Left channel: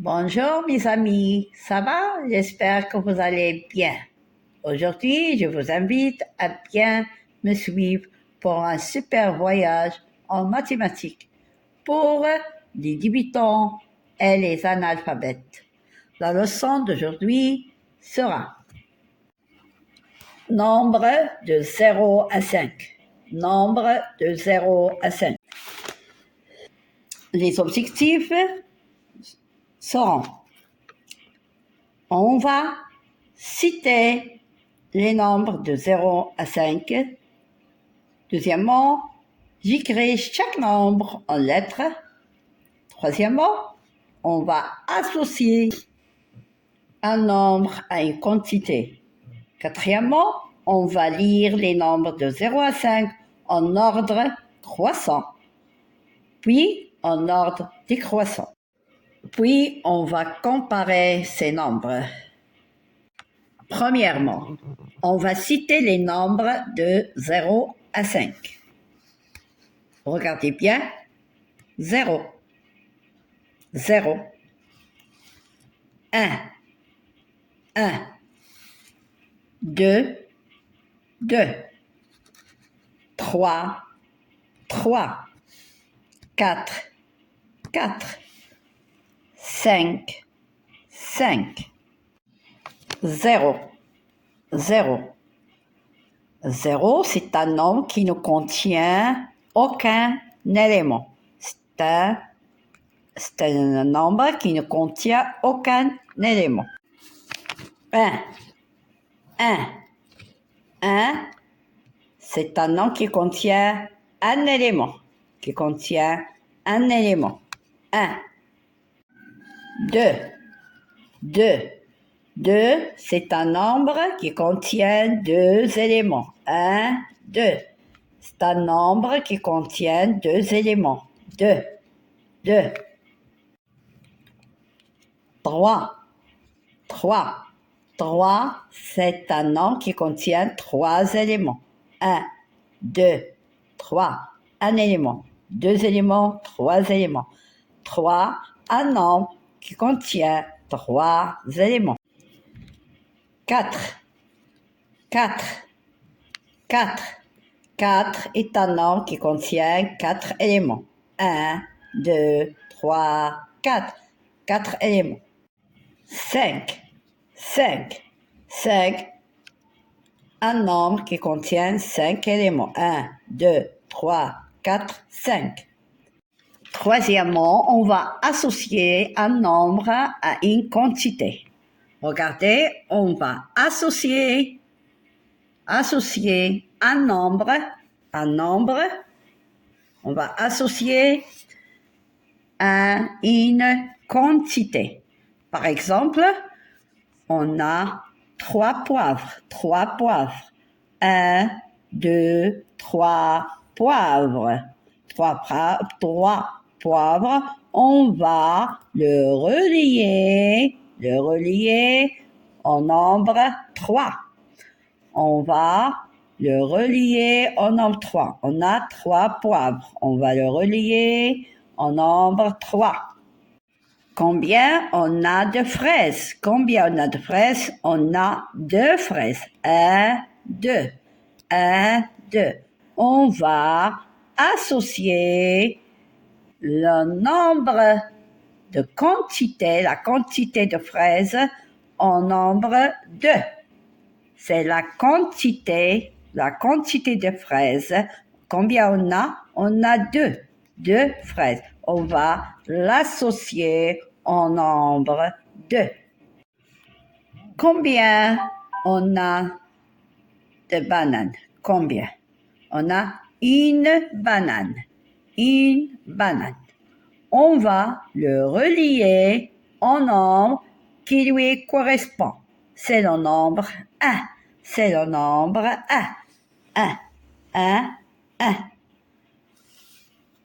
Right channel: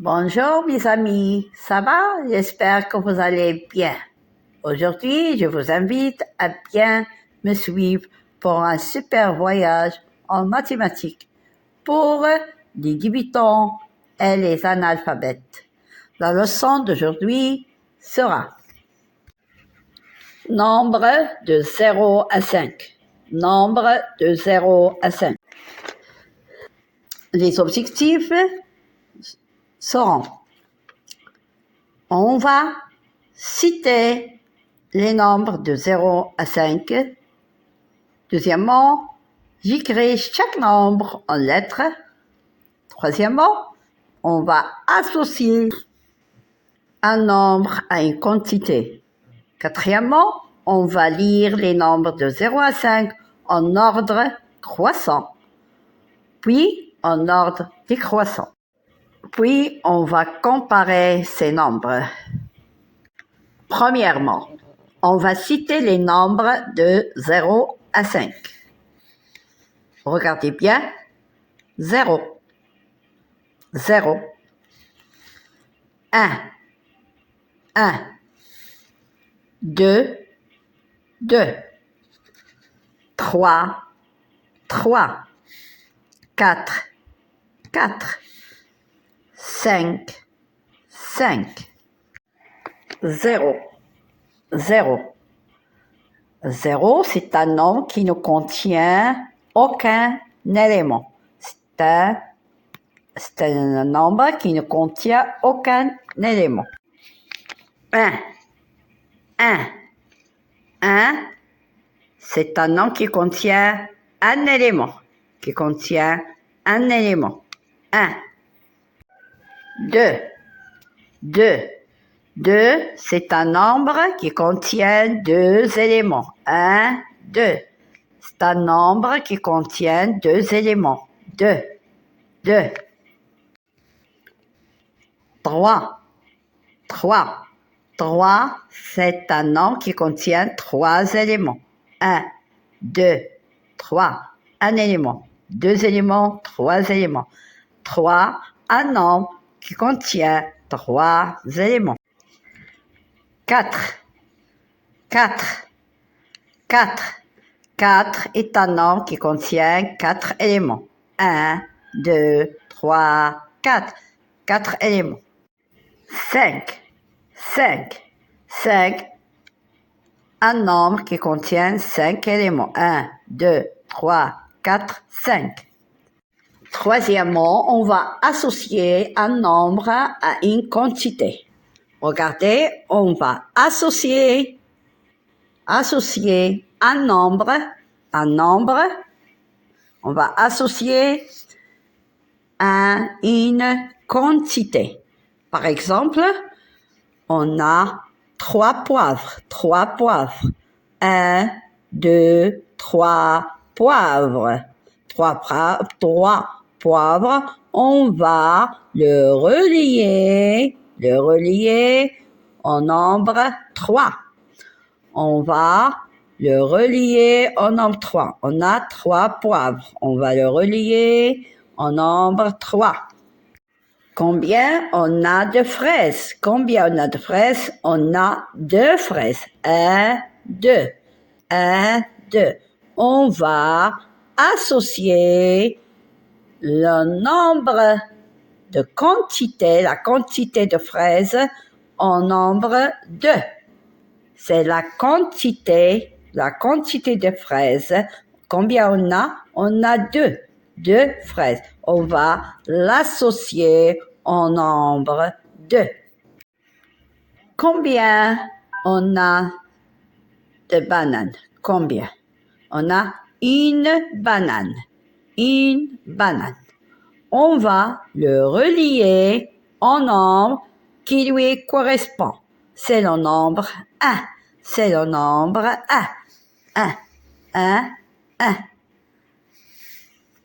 Bonjour mes amis, ça va? J'espère que vous allez bien. Aujourd'hui, je vous invite à bien me suivre pour un super voyage en mathématiques pour les débutants et les analphabètes. La leçon d'aujourd'hui sera nombre de 0 à 5. Nombre de 0 à 5. Les objectifs seront: on va citer les nombres de 0 à 5. Deuxièmement, j'écris chaque nombre en lettres. Troisièmement, on va associer un nombre à une quantité. Quatrièmement, on va lire les nombres de 0 à 5 en ordre croissant, puis en ordre décroissant. Puis, on va comparer ces nombres. Premièrement, on va citer les nombres de 0 à 5. Regardez bien. 0, 0, 1, 1, 2, 2, 3, 3, 4, 4, 5, 5, 0, 0. 0, c'est un nombre qui ne contient aucun élément. C'est un nombre qui ne contient aucun élément. 1, 1, 1, c'est un nombre qui contient un élément. Qui contient un élément. 1. 2, 2. 2, c'est un nombre qui contient deux éléments. 1, 2. C'est un nombre qui contient deux éléments. 2, 2. 3, 3. 3, c'est un nombre qui contient trois éléments. 1, 2, 3. Un élément. Deux éléments, trois éléments. 3, un nombre qui contient trois éléments. 4, 4, 4. 4 est un nombre qui contient quatre éléments. 1, 2, 3, 4. 4 éléments. 5, 5. 5, un nombre qui contient 5 éléments. 1, 2, 3, 4, 5. Troisièmement, on va associer un nombre à une quantité. Regardez, on va associer un nombre, on va associer à une quantité. Par exemple, on a 3 poivres. 1, 2, 3 poivres. 3 poivres, on va le relier au nombre 3. On va le relier au nombre 3. On a 3 poivres. On va le relier au nombre 3. Combien on a de fraises? Combien on a de fraises? On a 2 fraises. 1, 2. 1, 2. On va associer le nombre de quantité, la quantité de fraises, au nombre 2. C'est la quantité de fraises. Combien on a? On a 2. 2 fraises. On va l'associer au nombre 2. Combien on a de bananes? Combien? On a une banane. Une banane. On va le relier au nombre qui lui correspond. C'est le nombre 1. C'est le nombre 1. 1, 1, 1.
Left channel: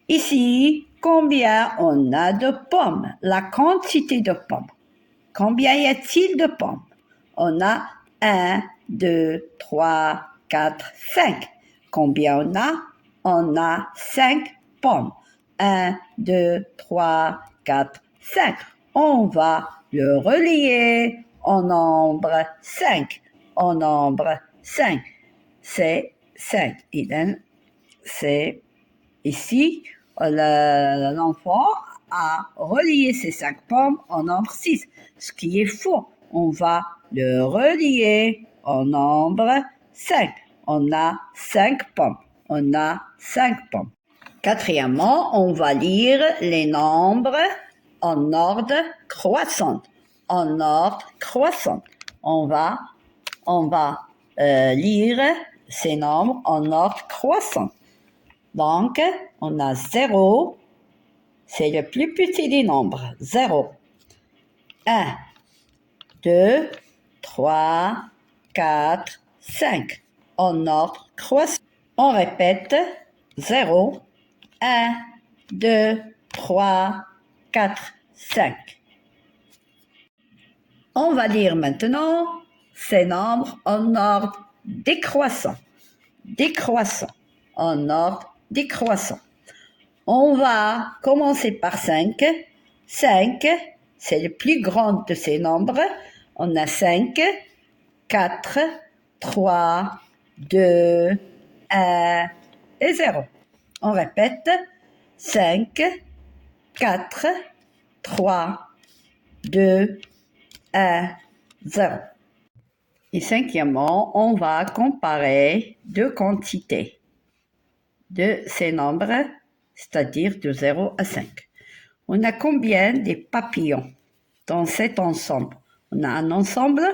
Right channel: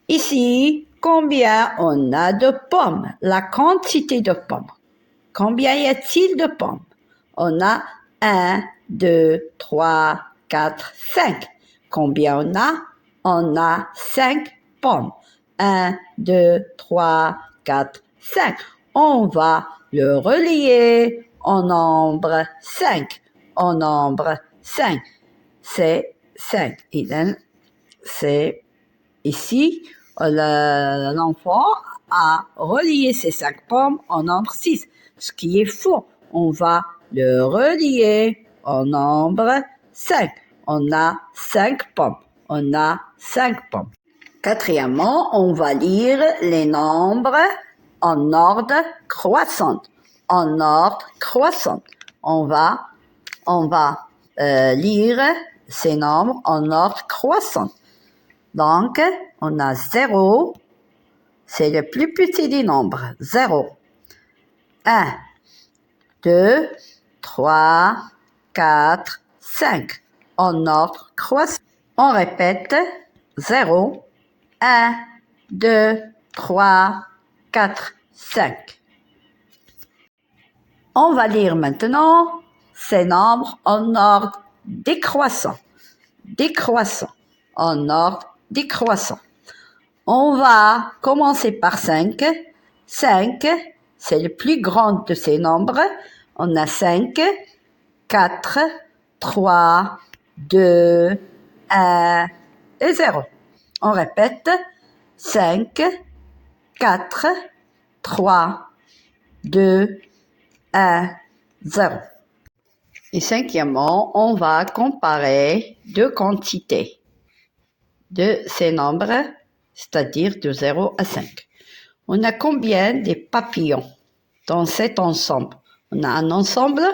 Ici, combien on a de pommes? La quantité de pommes. Combien y a-t-il de pommes? On a 1, 2, 3, 4, 5. Combien on a? On a 5 pommes. 1, 2, 3, 4, 5. on va le relier au nombre 5. Au nombre 5. C'est 5. C'est ici, l'enfant a relié ces 5 pommes au nombre 6, ce qui est faux. On va le relier au nombre 5. On a 5 pommes. On a 5 pommes. Quatrièmement, on va lire les nombres en ordre croissant. En ordre croissant. On va lire ces nombres en ordre croissant. Donc, on a 0, c'est le plus petit des nombres. 0. 1, 2, 3, 4, 5. En ordre croissant. On répète 0, 1, 2, 3, 4, 5. On va lire maintenant ces nombres en ordre décroissant. Décroissant. En ordre décroissant. On va commencer par 5. 5, c'est le plus grand de ces nombres. On a 5, 4, 3, 2, 1 et 0. On répète 5, 4, 3, 2, 1, 0. Et cinquièmement, on va comparer deux quantités de ces nombres, c'est-à-dire de 0 à 5. On a combien de papillons dans cet ensemble? On a un ensemble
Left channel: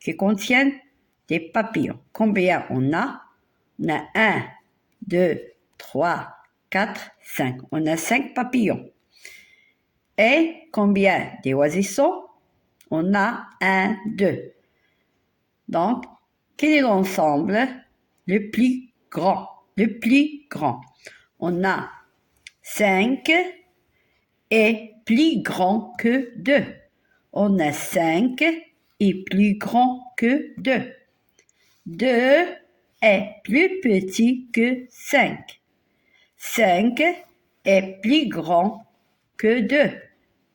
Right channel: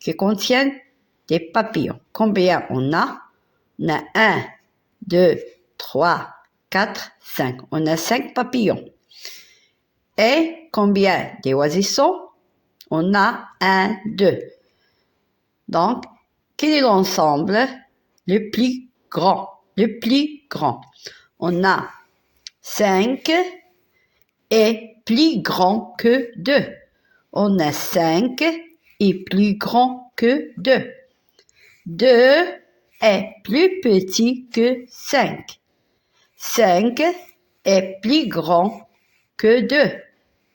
qui contient des papillons. Combien on a? On a 1, 2, 3, 4, 5. On a 5 papillons. Et combien d'oisissons? On a 1, 2. Donc, quel est l'ensemble le plus grand? Le plus grand. On a 5 est plus grand que 2. On a 5 est plus grand que 2. 2 est plus petit que 5. 5 est plus grand que 2.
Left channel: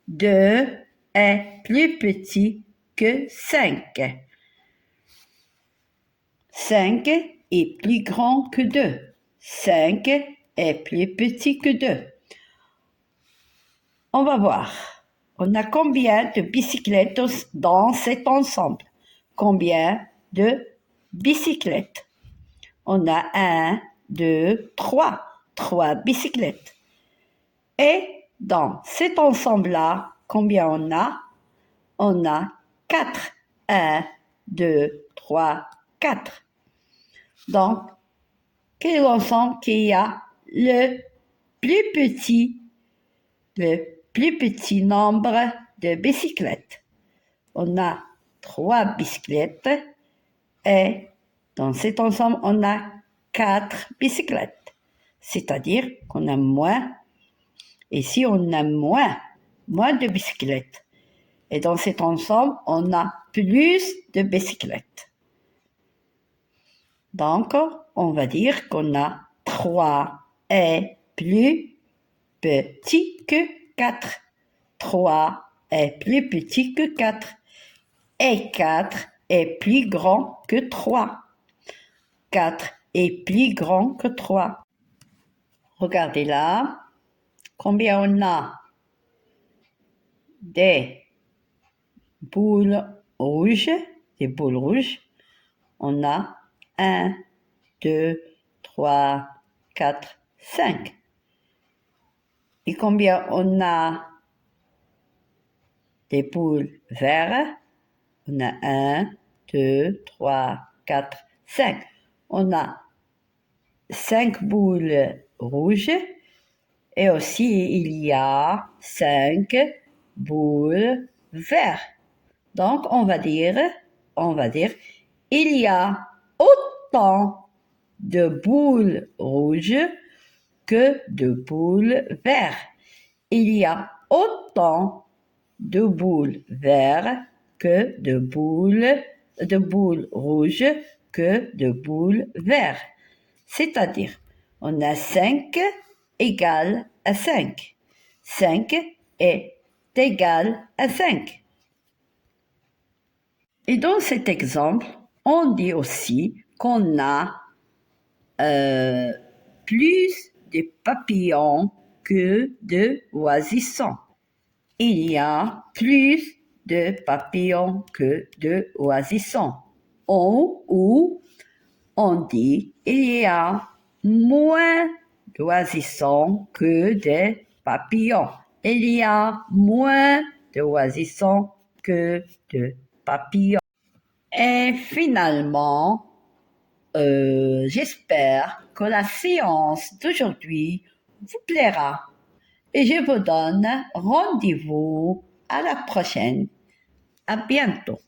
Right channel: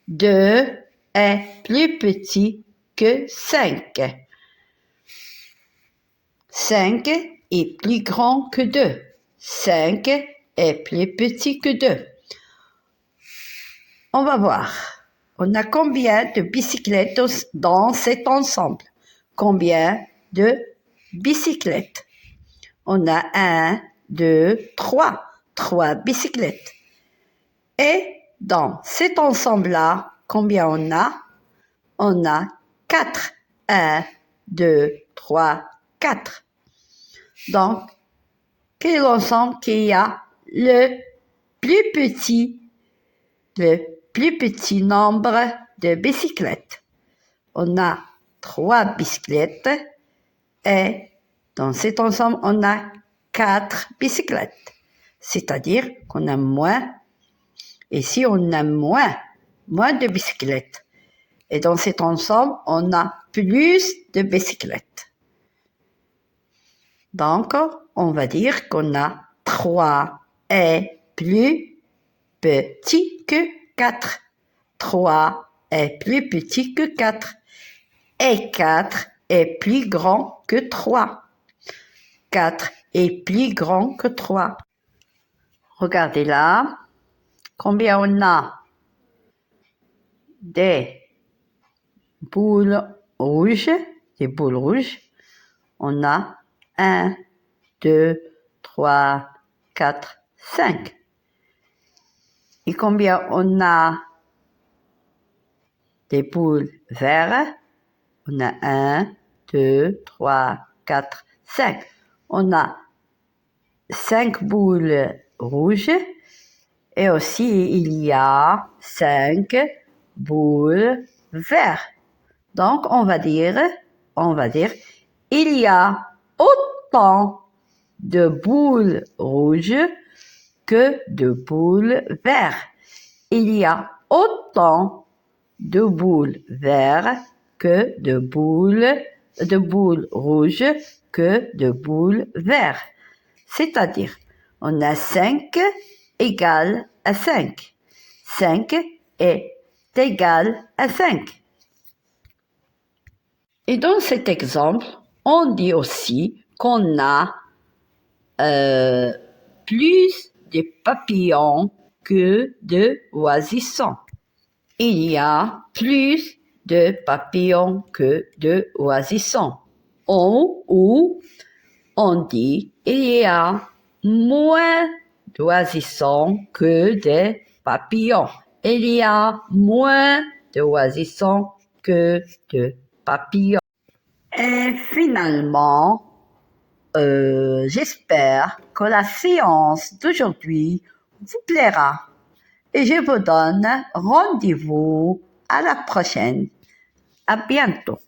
2 est plus petit que 5. 5 est plus grand que 2. 5 est plus petit que 2. On va voir. On a combien de bicyclettes dans cet ensemble? Combien de bicyclettes? On a 1, 2, 3. 3 bicyclettes. Et dans cet ensemble-là, combien on a? On a 4. 1, 2, 3, 4. Donc, quel est l'ensemble qui a le plus petit nombre de bicyclettes? On a 3 bicyclettes et dans cet ensemble, on a 4 bicyclettes. C'est-à-dire qu'on a moins, ici on a moins de bicyclettes. Et dans cet ensemble, on a plus de bicyclettes. Donc, on va dire qu'on a 3 est plus petit que 4. 3 est plus petit que 4. Et 4 est plus grand que 3. 4 est plus grand que 3. Regardez là, combien on a des boules rouges, On a 1, 2, 3, 4, 5. Et combien on a des boules vertes? On a 1, 2, 3, 4, 5. On a 5 boules rouges et aussi il y a 5 boules vertes. Donc on va dire, il y a autant de boules rouges que de boules vertes. Il y a autant de boules vertes que de boules rouges que de boules vertes. C'est-à-dire, on a 5 égale à 5. 5 est égal à 5. Et dans cet exemple, on dit aussi qu'on a plus de papillons que de oisissons. Il y a plus de papillons que de oisissons. Ou on dit il y a moins d'oisissons que de papillons. Il y a moins d'oisissons que de papillons. Et finalement, j'espère que la séance d'aujourd'hui vous plaira. Et je vous donne rendez-vous à la prochaine. À bientôt.